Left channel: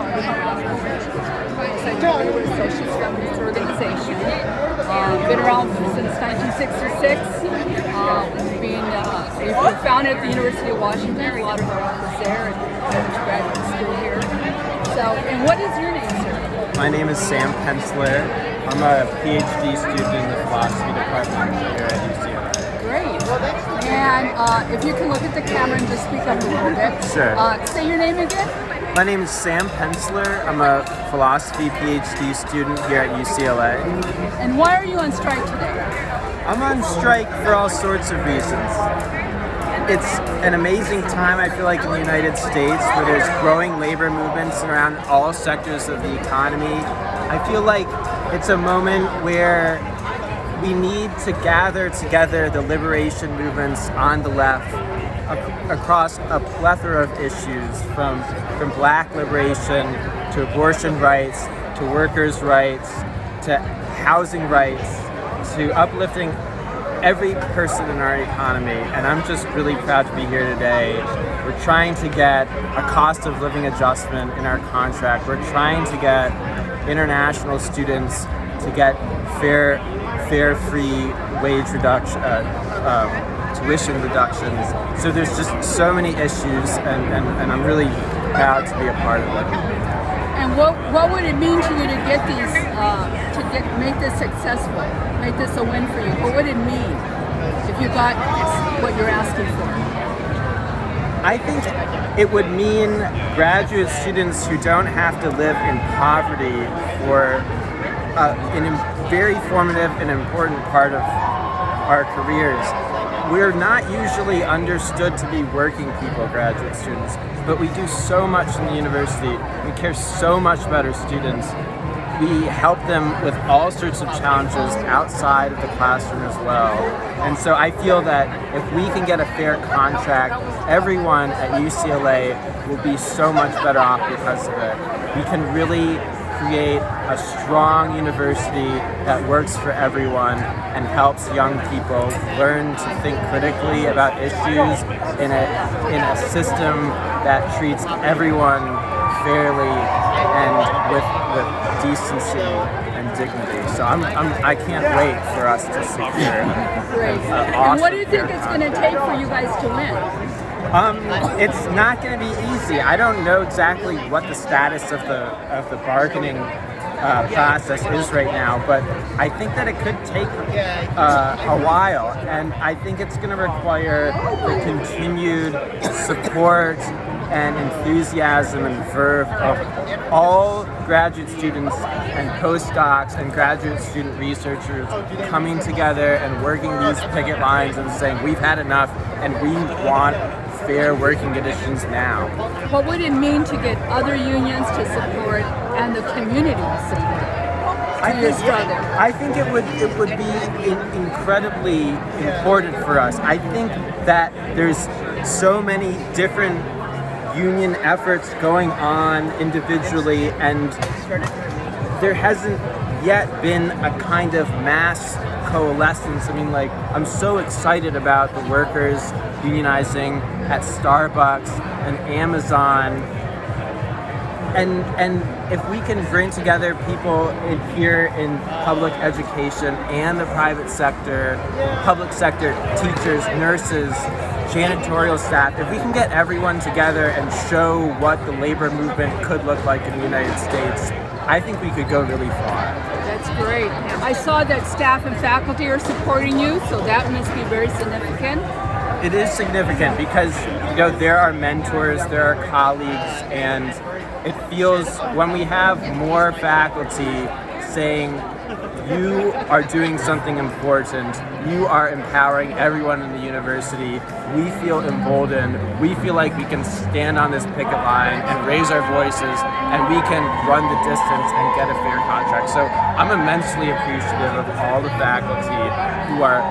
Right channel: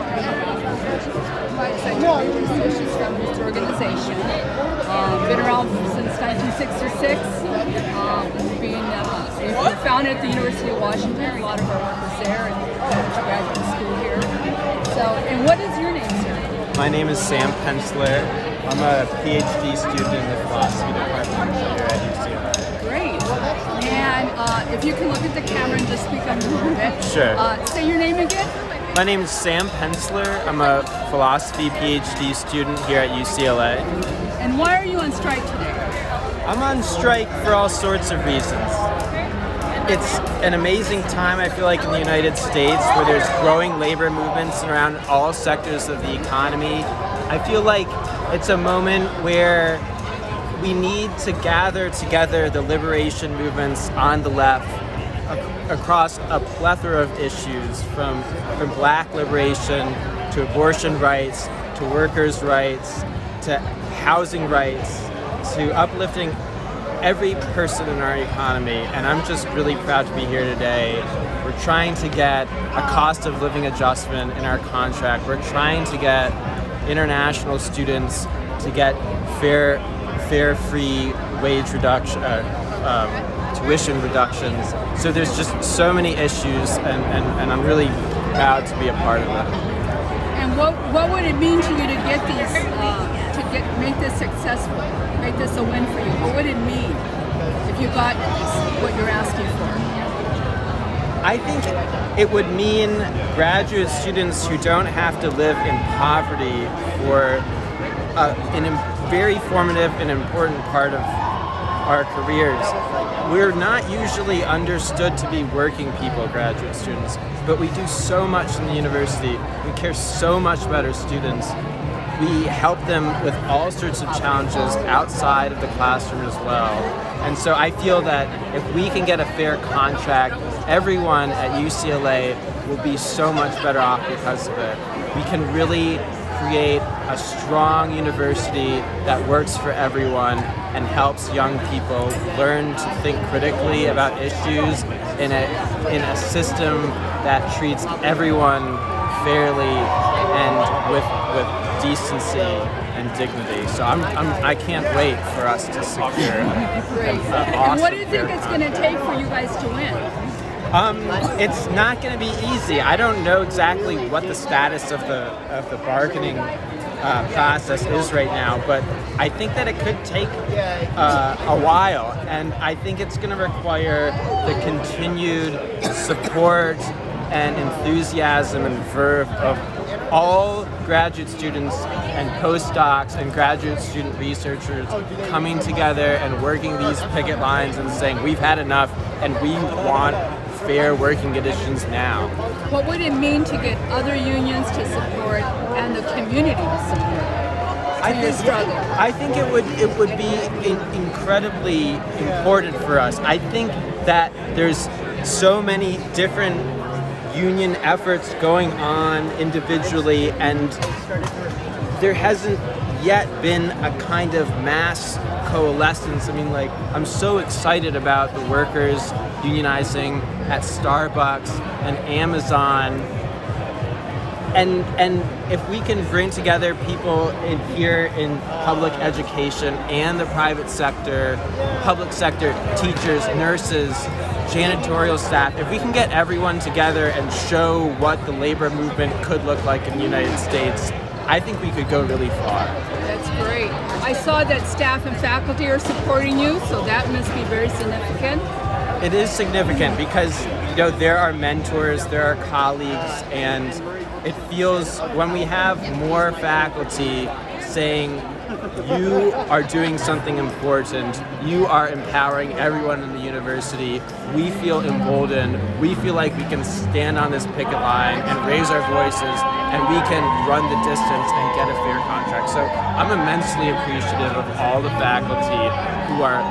part of the as I told you, we're a socialist feminist organization. Been around since 1966. We were founded at the University of Washington. A lot of our work is there, and I went to graduate school here. So, and what is your name, sir? My name is Sam Pensler. I'm a PhD student in the philosophy department here at UCLA. Great. And if you can look at the camera and just speak up a little bit. Sure. Say your name again. My name is Sam Pensler. I'm a philosophy PhD student here at UCLA. And why are you on strike today? I'm on strike for all sorts of reasons. It's an amazing time, I feel like, in the United States where there's growing labor movements around all sectors of the economy. I feel like it's a moment where we need to gather together the liberation movements on the left across a plethora of issues, from black liberation to abortion rights to workers' rights to housing rights to uplifting every person in our economy. And I'm just really proud to be here today. We're trying to get a cost of living adjustment in our contract. We're trying to get international students to get fair free wage reduction, tuition reductions. So there's just so many issues, and I'm really proud to be a part of it. And what would it mean to you to get these, make this successful, make this a win for you? What would it mean if you got what you're asking for? I think it would mean graduate students who don't have to live in poverty for a very formative and important part of our careers. We're not usually understood to be working people, graduate students, but we do so much in the university. We care so much about our students. We help them with all sorts of challenges outside of the classroom as well. And so I feel that if we can get a fair contract, everyone at UCLA will be so much better off because of it. We can really create a strong university that works for everyone and helps young people learn to think critically about issues in a system that treats everyone fairly and with decency and dignity. So I can't wait for us to secure an awesome. What do you think it's going to take for you guys to win? It's not going to be easy. I don't know exactly what the status of the bargaining process is right now, but I think that it could take a while, and I think it's going to require the continued support and enthusiasm and verve of all graduate students and postdocs and graduate student researchers coming together and working these picket lines and saying, we've had enough and we want fair working conditions now. What would it mean to get other unions to support and the community to support? I think it would be incredibly important for us. I think that there's so many different union efforts going on individually, and there hasn't yet been a kind of mass coalescence. I mean, like, I'm so excited about the workers unionizing at Starbucks and Amazon, and if we can bring together people here in public education and the private sector, public sector teachers, nurses, janitorial staff, if we can get everyone together and show what the labor movement could look like in the United States, I think we could go really far. That's great. I saw that staff and faculty are supporting you, so that must be very significant. It is significant because, there are mentors, there are colleagues, and it feels when we have more faculty saying, you are doing something important, you are empowering everyone in the university, we feel emboldened, we feel like we can stand on this picket line and raise our voices, and we can run the distance and get a fair contract. So I'm immensely appreciative of all the faculty who are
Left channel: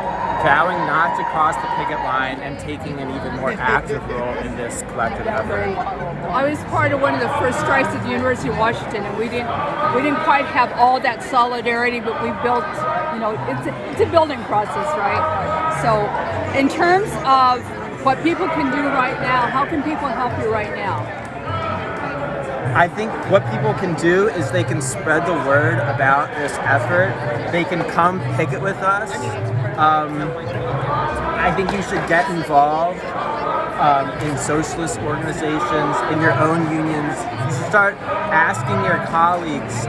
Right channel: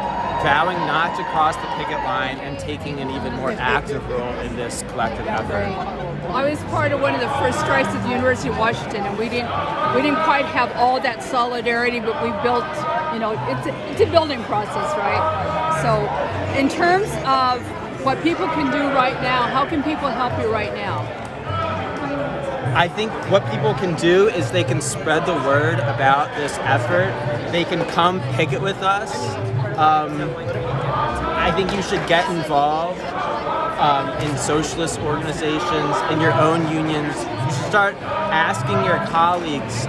vowing not to cross the picket line and taking an even more active role in this collective effort. I was part of one of the first strikes at the University of Washington, and we didn't quite have all that solidarity, but we built, it's a building process, right? So in terms of what people can do right now, how can people help you right now? I think what people can do is they can spread the word about this effort. They can come picket with us. I think you should get involved in socialist organizations, in your own unions. Start asking your colleagues,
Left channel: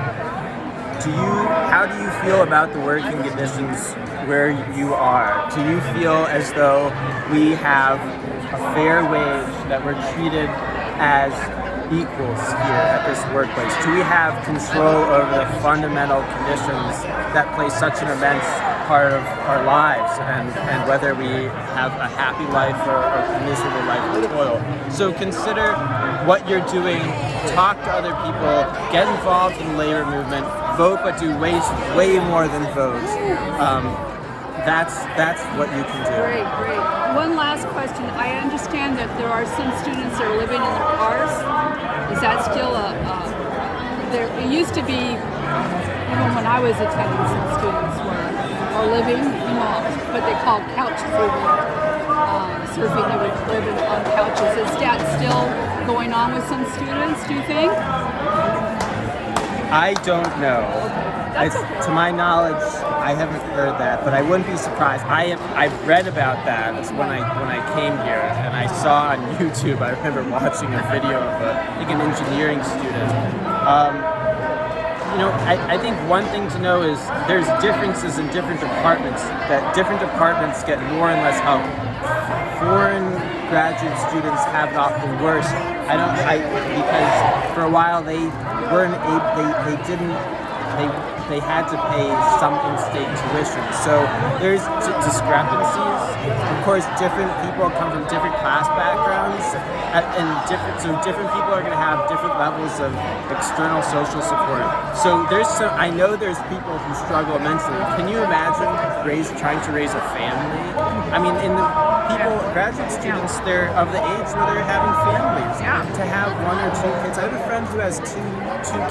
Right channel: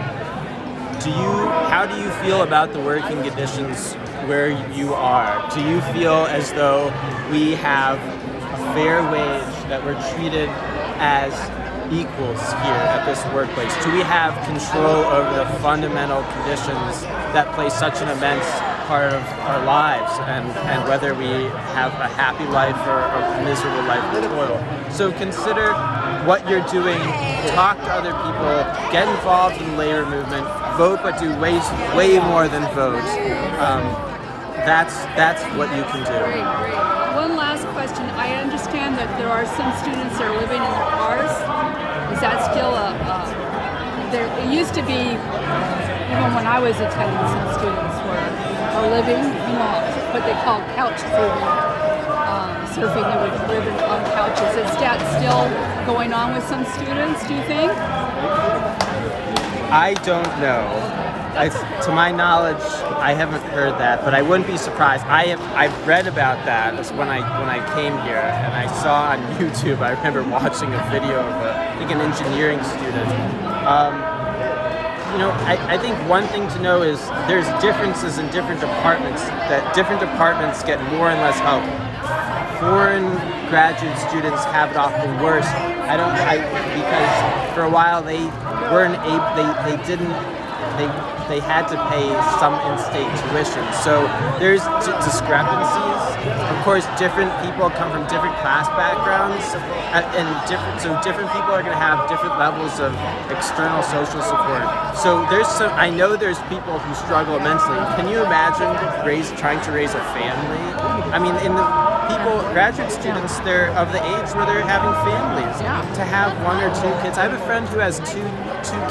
how do you feel about the working conditions where you are? Do you feel as though we have a fair wage, that we're treated as equals here at this workplace? Do we have control over the fundamental conditions that play such an immense part of our lives, and whether we have a happy life or a miserable life of toil? So consider what you're doing, talk to other people, get involved in the labor movement, vote, but do way more than vote. That's what you can do. Great. One last question. I understand that there are some students that are living in their cars. Is that still it used to be, even when I was attending, some students are living, what they call couch surfing. They would live on couches. Is that still going on with some students, do you think? I don't know. To my knowledge, I haven't heard that, but I wouldn't be surprised. I've read about that when I came here, and I saw on YouTube. I remember watching a video of an engineering student. I think one thing to know is there's differences in different departments. That different departments get more and less help. Foreign graduate students have it often worse. Because for a while they weren't able. They had to pay some in-state tuition. So there's discrepancies. Of course, different people come from different class backgrounds, so different people are going to have different levels of external social support. So I know there's people who struggle immensely. Can you imagine trying to raise a family? I mean, graduate students, they're of the age where they're having families. Yeah. To have one or two kids. I have a friend who has two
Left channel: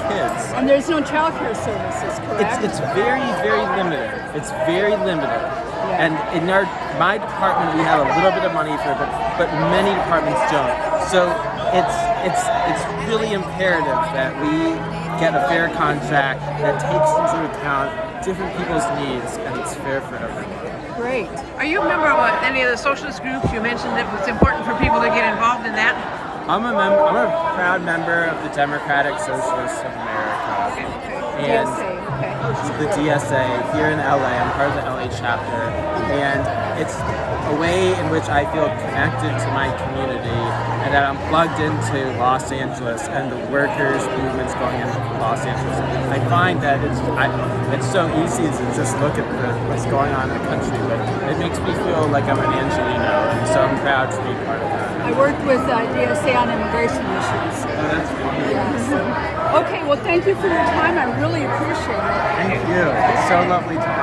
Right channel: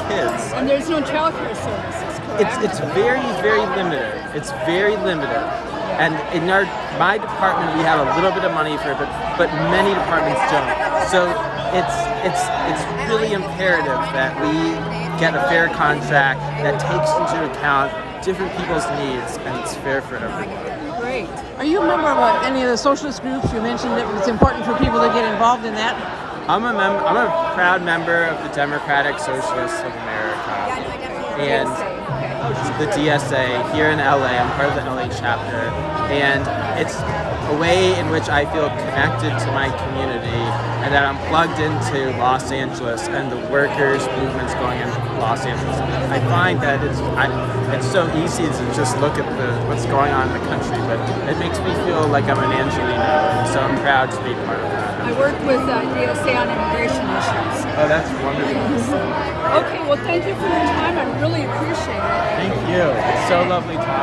kids. And there's no childcare services, correct? It's very, very limited. It's very limited. And in my department, we have a little bit of money for it, but many departments don't. So it's really imperative that we get a fair contract that takes into account different people's needs, and it's fair for everyone. Great. Are you a member of any of the socialist groups? You mentioned that it's important for people to get involved in that. I'm a proud member of the Democratic Socialists of America, and the DSA here in LA. I'm part of the LA chapter, and it's a way in which I feel connected to my community, and that I'm plugged into Los Angeles and the workers' movements going in Los Angeles. I find that it's so easy to just look at what's going on in the country, but it makes me feel like I'm an Angelino, and so I'm proud to be part of that. I work with DSA on immigration issues. Oh, that's wonderful. Okay, well, thank you for your time. I really appreciate it. Thank you. It's so lovely talking.